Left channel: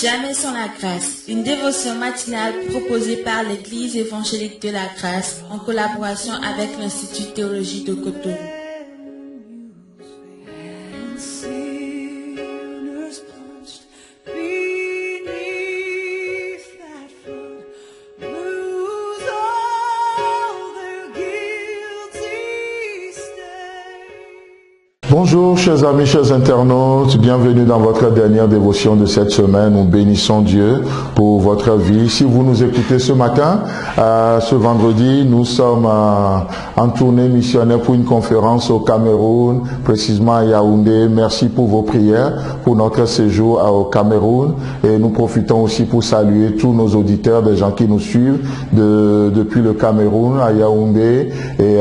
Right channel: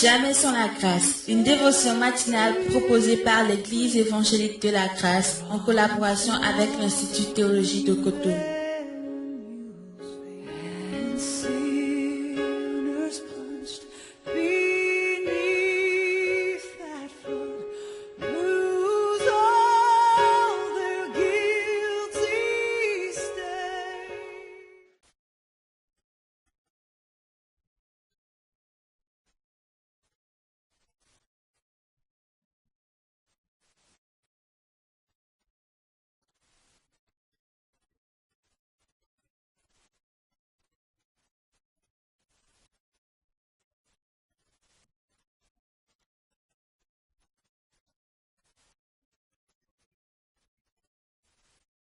Jamais sans la grâce, une dévotion matinale proposée par l'Église évangélique de la grâce en collaboration avec l'Institut théologie de Cotonou. Bonjour chers amis, chers internautes, bienvenue dans votre dernière dévotion de cette semaine. Nous bénissons Dieu pour votre vie. Si vous nous écoutez ce matin, ce vendredi, nous sommes en tournée missionnaire pour une conférence au Cameroun, précisément à Yaoundé. Merci pour vos prières pour notre séjour au Cameroun et nous profitons aussi pour saluer tous nos auditeurs, des gens qui nous suivent depuis le Cameroun à Yaoundé. Et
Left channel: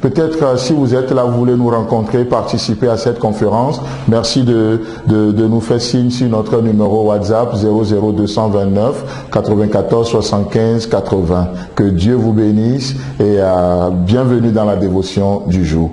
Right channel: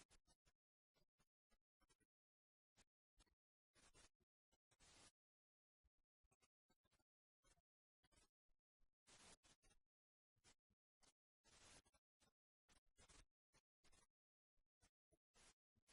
peut-être si vous êtes là, vous voulez nous rencontrer, participer à cette conférence, merci de nous faire signe sur notre numéro WhatsApp 00229 94 75 80. Que Dieu vous bénisse et bienvenue dans la dévotion du jour.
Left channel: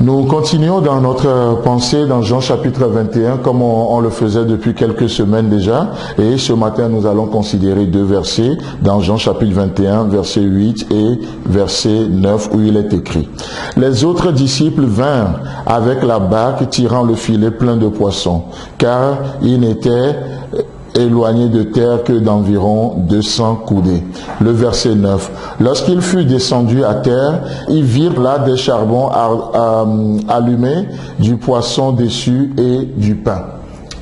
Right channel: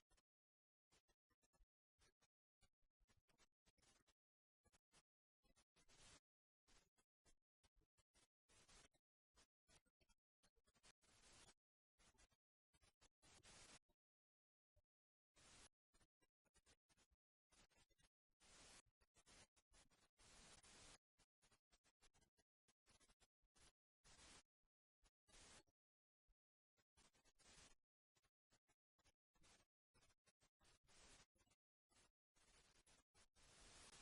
Nous continuons dans notre pensée dans Jean chapitre 21 comme on le faisait depuis quelques semaines déjà, et ce matin nous allons considérer deux versets dans Jean chapitre 21 verset 8 et verset 9 où il est écrit: Les autres disciples vinrent avec la barque tirant le filet plein de poissons, car ils n'étaient éloigné de terre que d'environ 200 coudées. Le verset 9. Lorsqu'il fut descendu à terre, ils virent là des charbons allumés, du poisson dessus et du pain.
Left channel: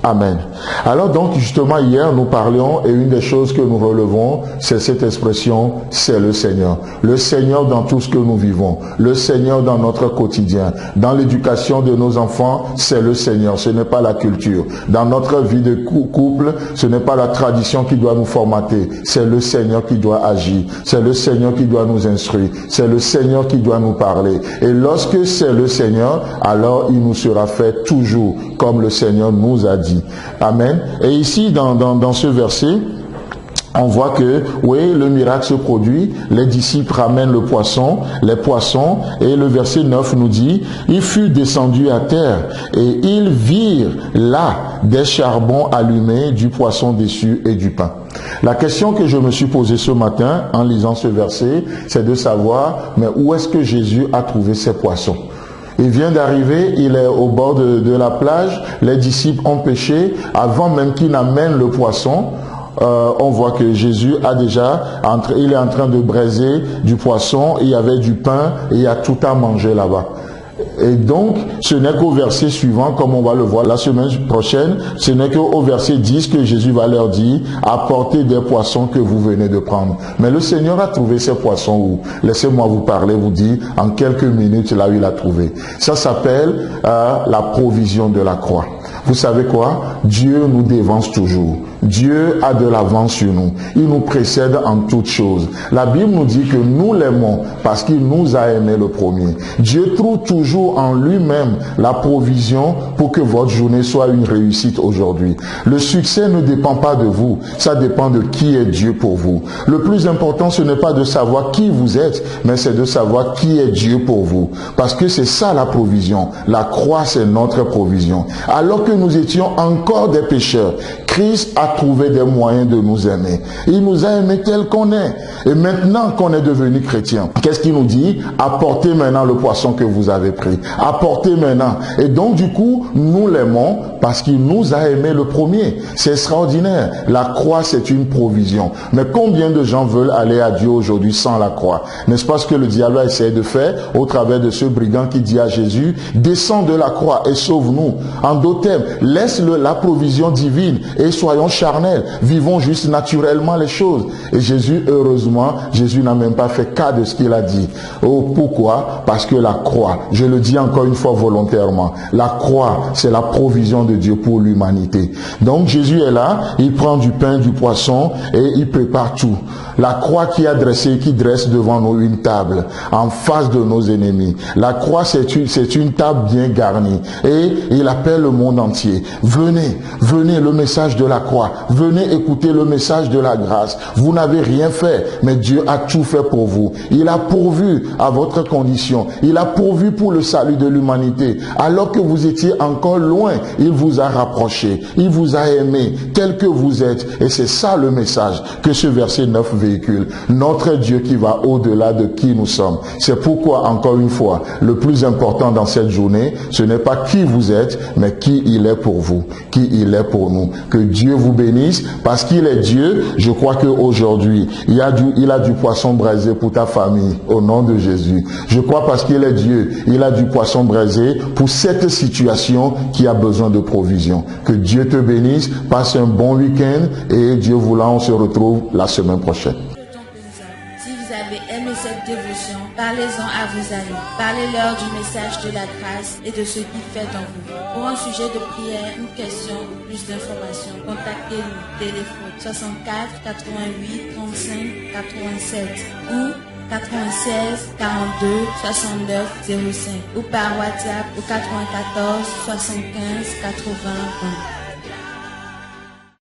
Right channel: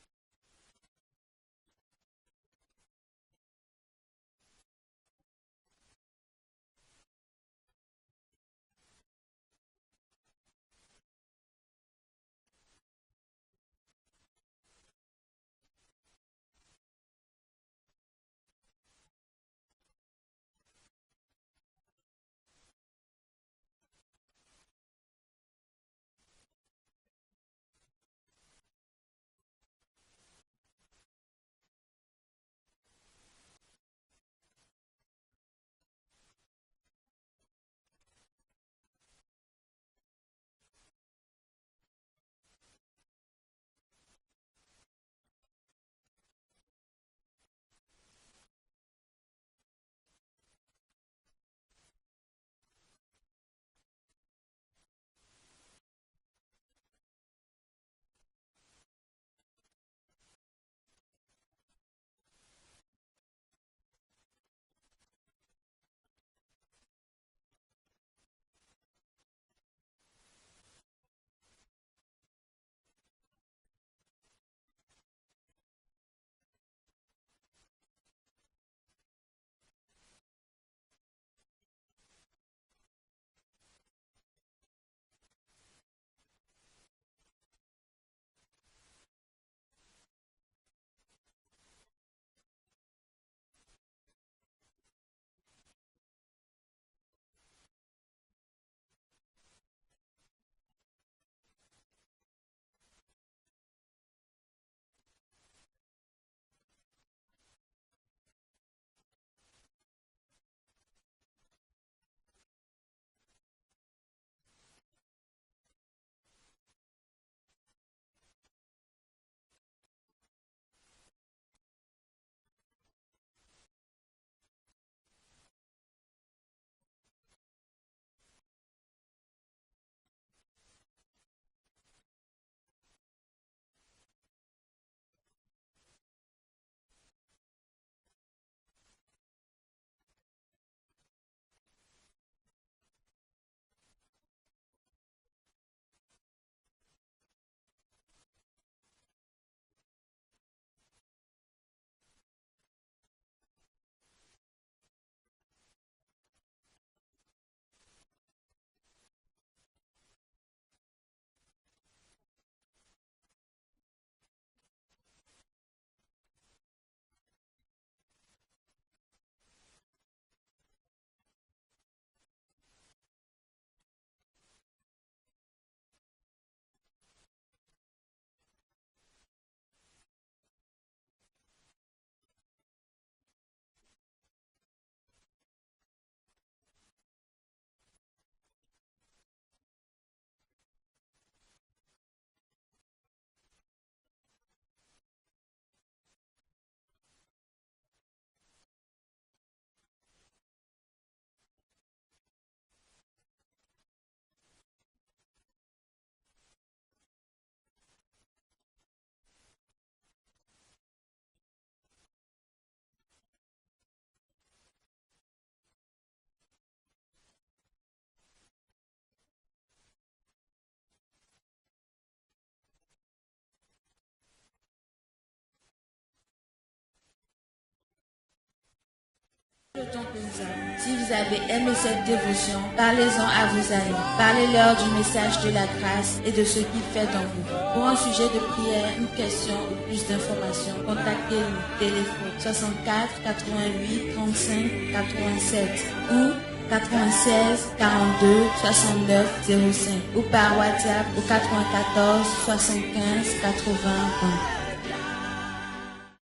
Amen. Alors donc justement hier nous parlions et une des choses que nous relevons c'est cette expression, c'est le Seigneur. Le Seigneur dans tout ce que nous vivons, le Seigneur dans notre quotidien, dans l'éducation de nos enfants, c'est le Seigneur, ce n'est pas la culture. Dans notre vie de couple, ce n'est pas la tradition qui doit nous formater, c'est le Seigneur qui doit agir, c'est le Seigneur qui doit nous instruire, c'est le Seigneur qui doit nous parler. Et lorsque c'est le Seigneur, alors il nous sera fait toujours comme le Seigneur nous a dit. Amen. Et ici, dans ce verset, on voit que, oui, le miracle se produit, les disciples ramènent les poissons, et le verset 9 nous dit, il fut descendu à terre, et ils virent là des charbons allumés, du poisson dessus et du pain. La question que je me suis posée ce matin, en lisant ce verset, c'est de savoir, mais où est-ce que Jésus a trouvé ces poissons? Il vient d'arriver, il est au bord de la plage, les disciples ont pêché, avant même qu'il n'amène le poisson, on voit que Jésus il est en train de braiser du poisson, il y avait du pain et il y a tout à manger là-bas. Et donc, ce n'est qu'au verset suivant, comme on va le voir la semaine prochaine, ce n'est qu'au verset 10 que Jésus va leur dire, apportez des poissons que vous venez de prendre. Mais le Seigneur a trouvé ces poissons où? Laissez-moi vous parler, vous dire, en quelques minutes, là où il a trouvé. Ça s'appelle la provision de la croix. Vous savez quoi? Dieu nous dévance toujours. Dieu a de l'avance sur nous. Il nous précède en toutes choses. La Bible nous dit que nous l'aimons parce qu'il nous a aimés le premier. Dieu trouve toujours en lui-même la provision pour que votre journée soit une réussite aujourd'hui. Le succès ne dépend pas de vous. Ça dépend de qui est Dieu pour vous. Le plus important, ce n'est pas de savoir qui vous êtes, mais c'est de savoir qui est Dieu pour vous. Parce que c'est ça la provision. La croix, c'est notre provision. Alors que nous étions encore des pécheurs, Christ a trouvé des moyens de nous aimer. Il nous a aimés tel qu'on est. Et maintenant qu'on est devenu chrétien, qu'est-ce qu'il nous dit? Apportez maintenant le poisson que vous avez pris. Apportez maintenant. Et donc du coup, nous l'aimons parce qu'il nous a aimés le premier. C'est extraordinaire. La croix, c'est une provision. Mais combien de gens veulent aller à Dieu aujourd'hui sans la croix? N'est-ce pas ce que le diable a essayé de faire au travers de ce brigand qui dit à Jésus, descends de la croix et sauve-nous. En d'autres termes, laisse la provision divine et soyons charnels, vivons juste naturellement les choses. Et Jésus, heureusement, Jésus n'a même pas fait cas de ce qu'il a dit. Oh, pourquoi? Parce que la croix, je le dis encore une fois volontairement, la croix, c'est la provision de Dieu pour l'humanité. Donc Jésus est là, il prend du pain, du poisson et il prépare tout. La croix qui dresse devant nous une table en face de nos ennemis. La croix, c'est une table bien garnie et il appelle le monde entier. Venez, le message message de la croix. Venez écouter le message de la grâce. Vous n'avez rien fait, mais Dieu a tout fait pour vous. Il a pourvu à votre condition. Il a pourvu pour le salut de l'humanité. Alors que vous étiez encore loin, il vous a rapproché. Il vous a aimé tel que vous êtes. Et c'est ça le message que ce verset 9 véhicule. Notre Dieu qui va au-delà de qui nous sommes. C'est pourquoi, encore une fois, le plus important dans cette journée, ce n'est pas qui vous êtes, mais qui il est pour vous, qui il est pour nous. Que Dieu vous bénisse, parce qu'il est Dieu. Je crois qu'aujourd'hui, il a du poisson braisé pour ta famille, au nom de Jésus. Je crois parce qu'il est Dieu, il a du poisson braisé pour cette situation qui a besoin de provision. Que Dieu te bénisse, passe un bon week-end et Dieu voulant, on se retrouve la semaine prochaine. Si vous avez aimé cette dévotion, parlez-en à vos amis. Parlez-leur du message de la grâce et de ce qu'il fait en vous. Pour un sujet de prière, une question ou plus d'informations, contactez-nous. Téléphone 64 88 35 87 ou 96 42 69 05 ou par WhatsApp au 94 75 80 20.